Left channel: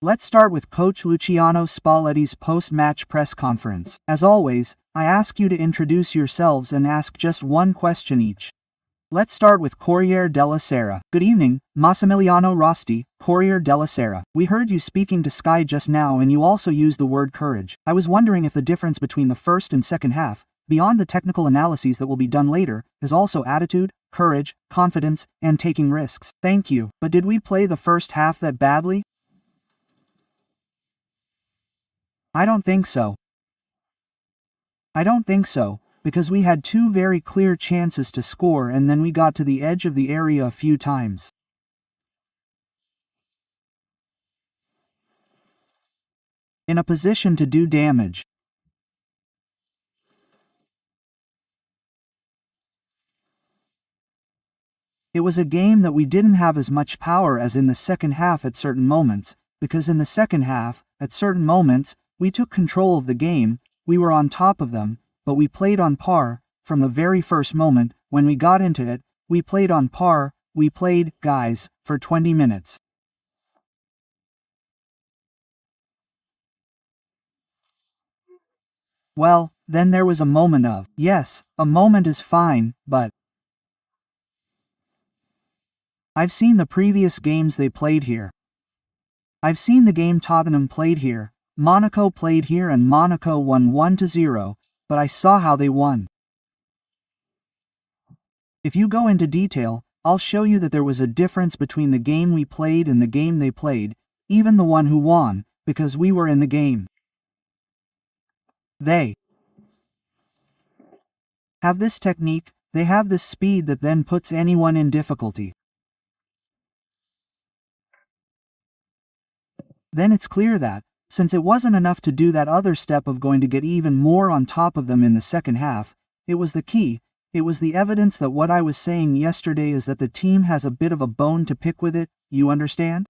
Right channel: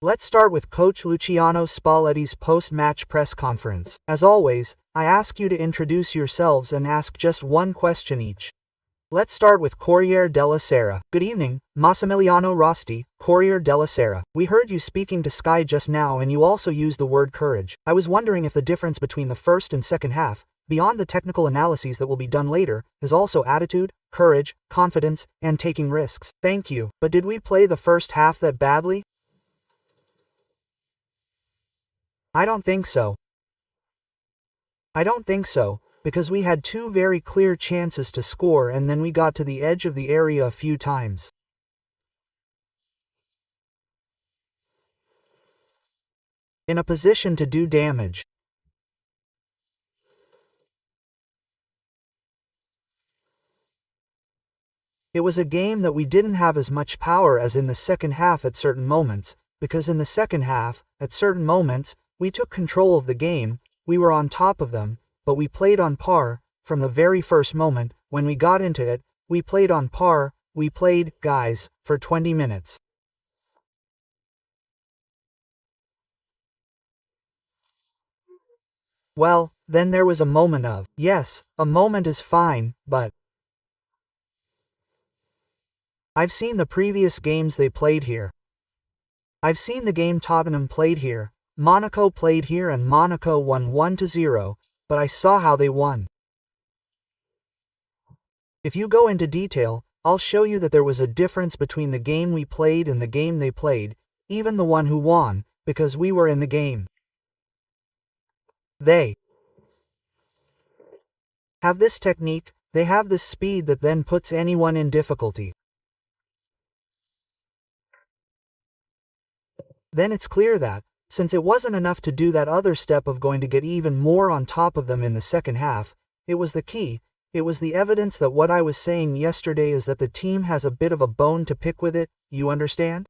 Let's start with Coach Luciano Spalletti's post-match press conference. As always, I ask you to introduce yourselves and ask just one question each. Let's start with Corriere della Sera. Good evening, Massimiliano Rosti, Corriere della Sera. We heard you speaking to Sky just now and you also used the word courage. I was wondering if the difference between the first and second half, beyond the technical analyses that will be done later, is also attitude, courage, confidence, and taking risks. Thank you. But did we play the first half that badly? I don't think so. Because we had two very clear chances to score and then we got to the edge of the area a few times. In a position to do damage. It was a game that we didn't have as much power as in the second half at certain moments, because in the second half, at certain moments, we took control of the game, we were on top of them, but we played on par. From the very first moment, when we got into it, we played on par. We played, guys, for 20 minutes. Well, then there was a moment of, yes, a moment is fine, but I've seen the previous games they played here. I've seen the game Tottenham played here, Monaco played here and Monaco won 1-0, but I saw how they won. If you go into detail, I'll show you that there was a difference between the game we played and the game they played, even the one who won, because we were in the game. They have this technique, they have this speed that then puts anyone in difficulty. Then it's clear that, since it wasn't enough to do that other step of going to get even more on top of them in the second half, it was the key, it was the evidence that what I was saying yesterday is that the team has a bit of a bone to pick with it, you understand?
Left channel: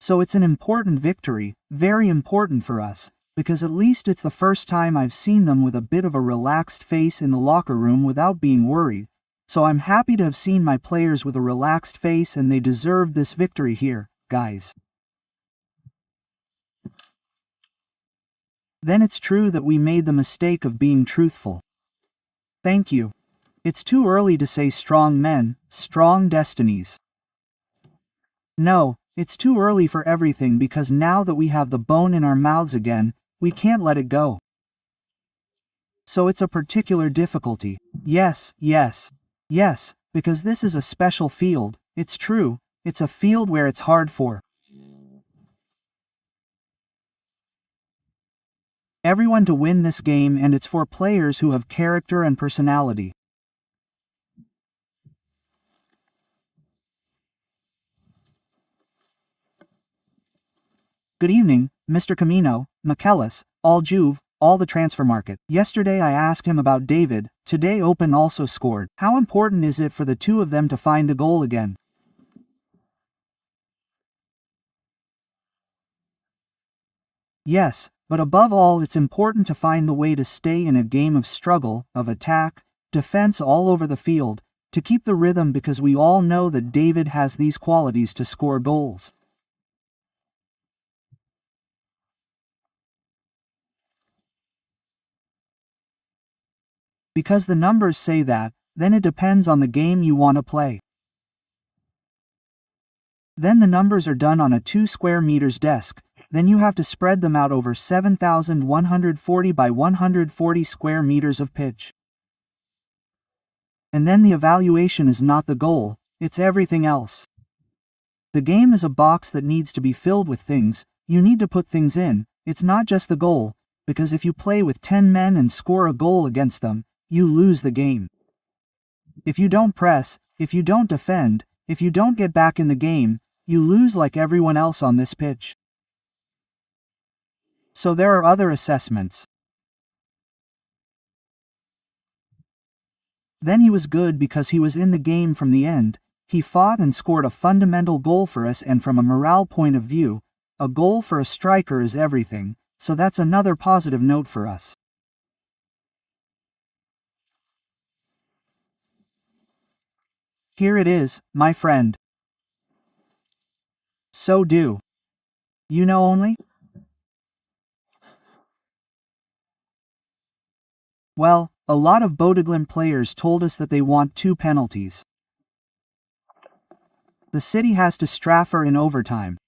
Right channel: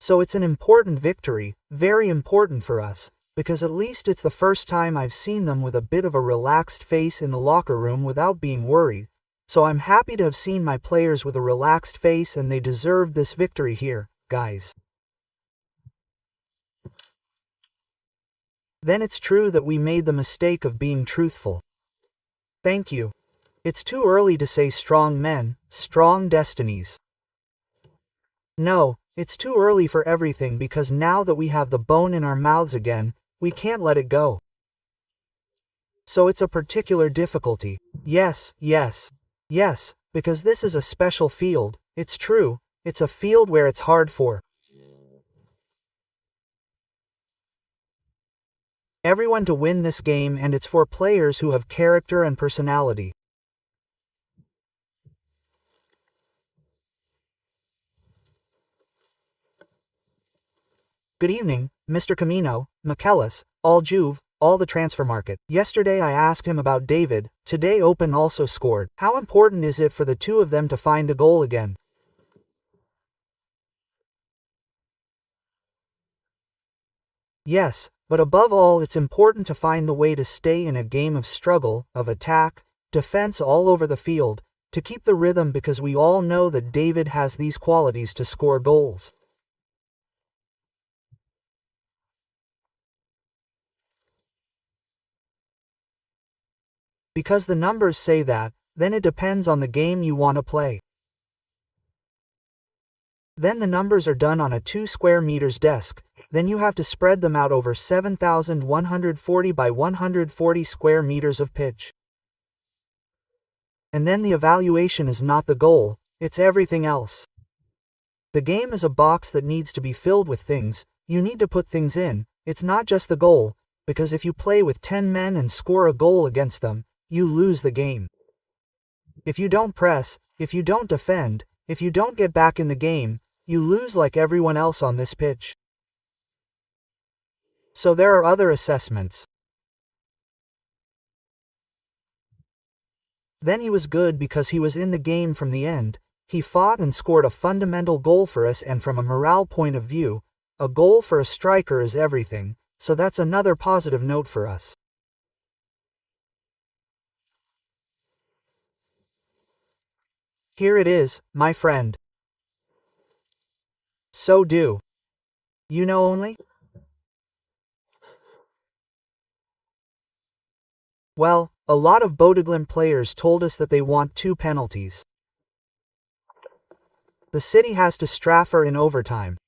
So it's an important victory, very important for us, because at least it's the first time I've seen them with a bit of a relaxed face in the locker room without being worried. So I'm happy to have seen my players with a relaxed face and they deserved this victory here, guys. Then it's true that we made the mistake of being truthful. Thank you. It's too early to say strong men, strong destinies. No, it's too early for everything because now that we have the bone in our mouths again, we can't let it go. So it's a particular difficulty. Yes, because this is a special field, it's true, it's a field where it's hard for everyone to win this game and it's for players who have character and personality. Good evening, Mr. Camino, Michelis, all Juve, all the transfer market. Yesterday I asked him about David, today Open also scored. How important is it for the two of them to find a goal again? Yes, but above all it's important to find the way to stay in a game of struggle, of attack, defense all over the field, to keep the rhythm because we all know that David has these qualities to score goals. Because the numbers say that, then it depends on the game you want to play. Then the numbers are done on a 2 square meters desk, then you have to spread them out over 7,140 by 140 square meters of pitch. And then the evaluation is not the goal, it's everything else. The game is a box that needs to be filled with things, you need to put things in, it's not just the goal, because if you play with 10 men and score a goal against them, you lose the game. If you don't press, if you don't defend, if you don't get back in the game, you lose like everyone else on this pitch. So there are other assessments. Then he was good because he was in the game from the end, he fought and scored a fundamental goal for us and from a morale point of view, a goal for a striker is everything, so that's another positive note for us. Here it is, my friend. So do you know only? Well, a lot of Bodø players told us that they want 2 penalties. The city has to straffer in overtime.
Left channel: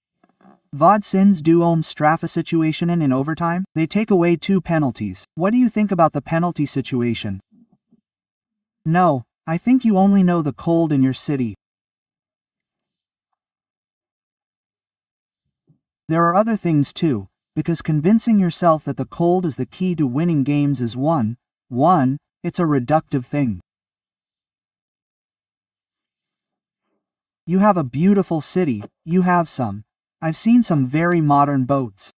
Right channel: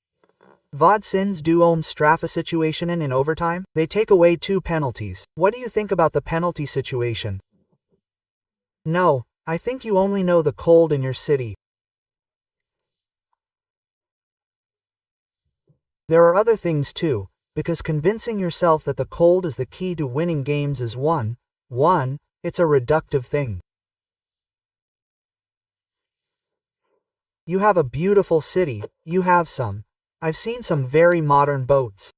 Vad syns du om straffa situationen in overtime? They take away 2 penalties. What do you think about the penalty situation? No, I think you only know the cold in your city. There are other things too, because convincing yourself that the cold is the key to winning games is one, it's a reductive thing. You have a beautiful city, you have some. I've seen some very modern boats.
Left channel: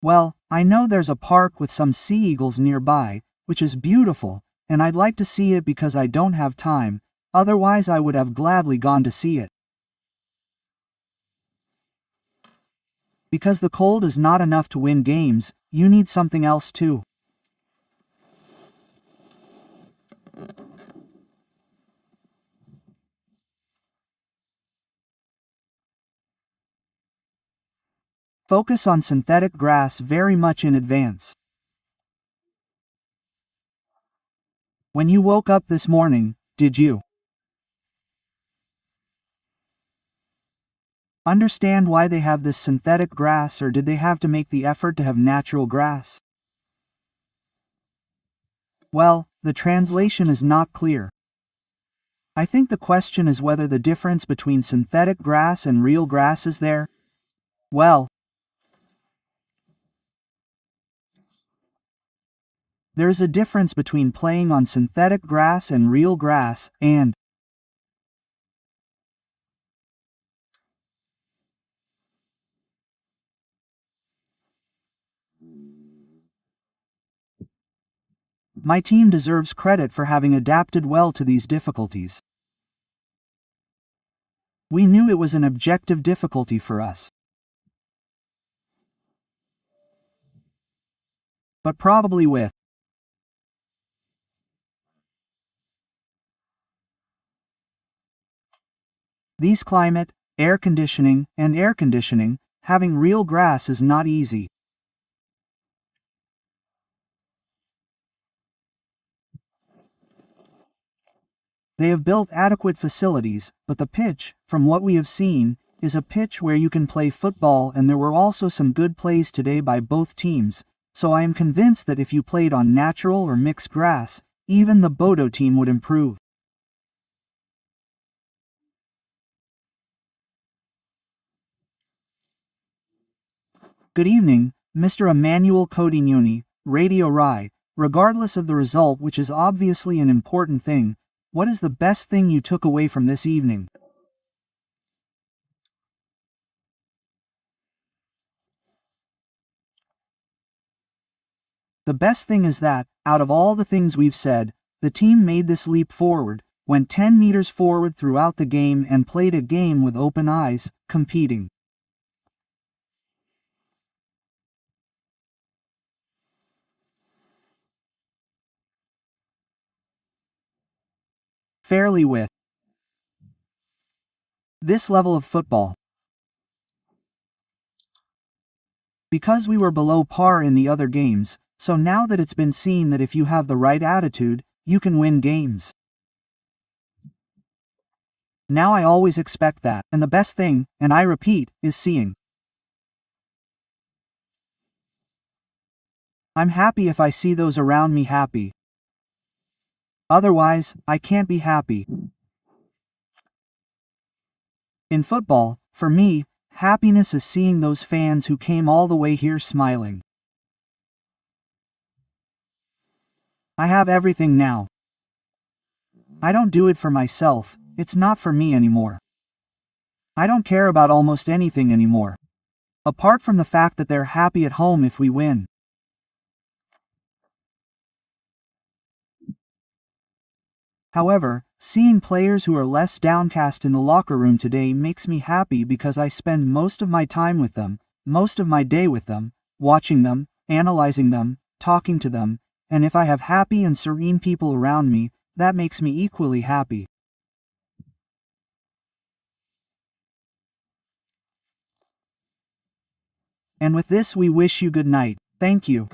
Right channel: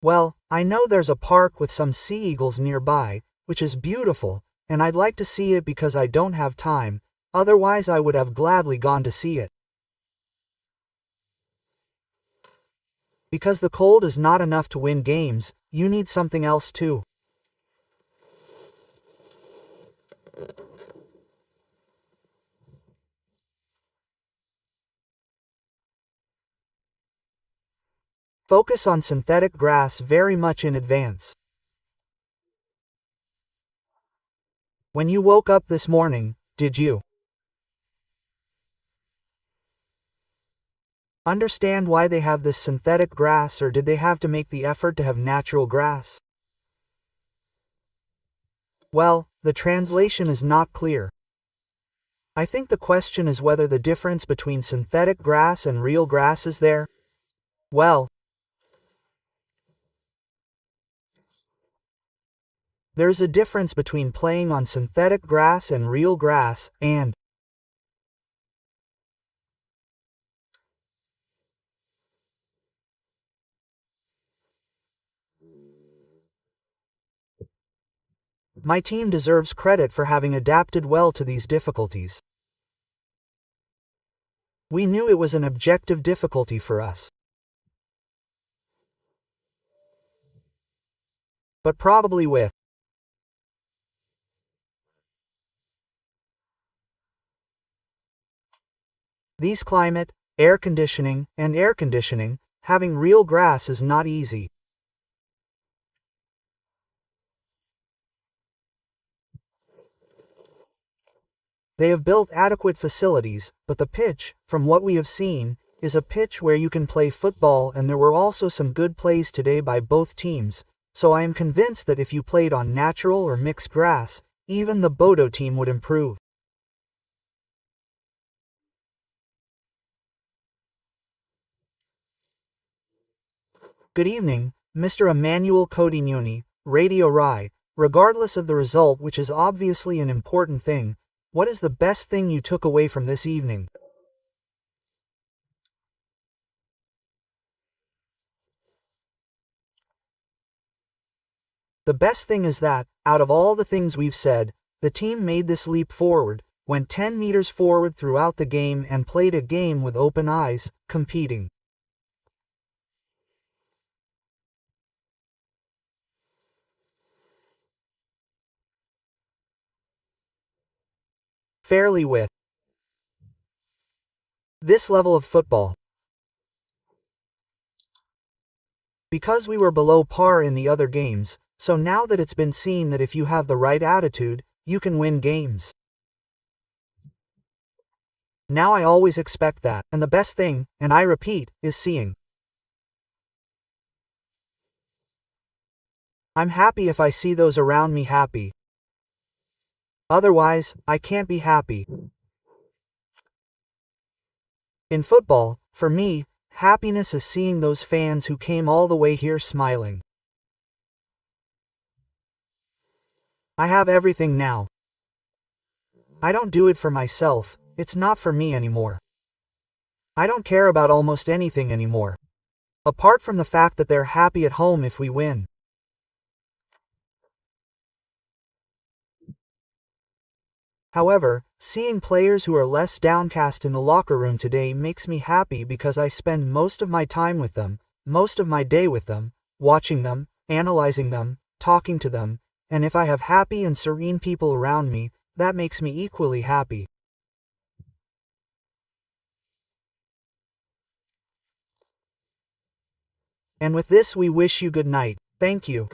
Well, I know there's a park with some sea eagles nearby, which is beautiful, and I'd like to see it because I don't have time, otherwise I would have gladly gone to see it. Because the cold is not enough to win games, you need something else too. Focus on synthetic grass very much in advance. When you woke up this morning, did you understand why they have this synthetic grass, or did they have to make the effort to have natural grass? Well, the translation is not clear. I think the question is whether the difference between synthetic grass and real grass is there. Well, there's a difference between playing on synthetic grass and real grass, and my team deserves credit for having adapted well to these difficulties. We knew it was an objective difficulty for us. But probably with these climate, air conditioning, having real grass is not easy. They have built adequate facilities, but the pitch, from what we have seen, is a pitch where you can play football, and there were also some good plays today by both teams, so I am convinced that if you played on natural or mixed grass, even the Bodø team would improve. Good evening, Mr. Emmanuel Codignoni, Radio Rai. Regardless of the result, which is obviously an important thing, what is the best thing you took away from this evening? The best thing is that, out of all the things we've said, the team made this leap forward, went 10 meters forward throughout the game and played a game with open eyes, competing fairly with this level of football. Because we were below par in the other games, so now that it's been seen that if you have the right attitude, you can win games. Now I always expect that, and the best thing, and I repeat, is seeing. I'm happy if I see those around me happy. Otherwise, I can't be happy. In football, for me, happiness is seeing those fans who came all the way here smiling. I have everything now. I don't do it for myself, it's not for me anymore. I don't care about almost anything anymore. Apart from the fact that they're happy at home if we win. However, seeing players who are less downcast in the locker room today makes me happy because I spend most of my time with them, most of my day with them, watching them, analyzing them, talking to them, and if I have happy and serene people around me, That makes me equally happy. And with this we wish you good night. Thank you.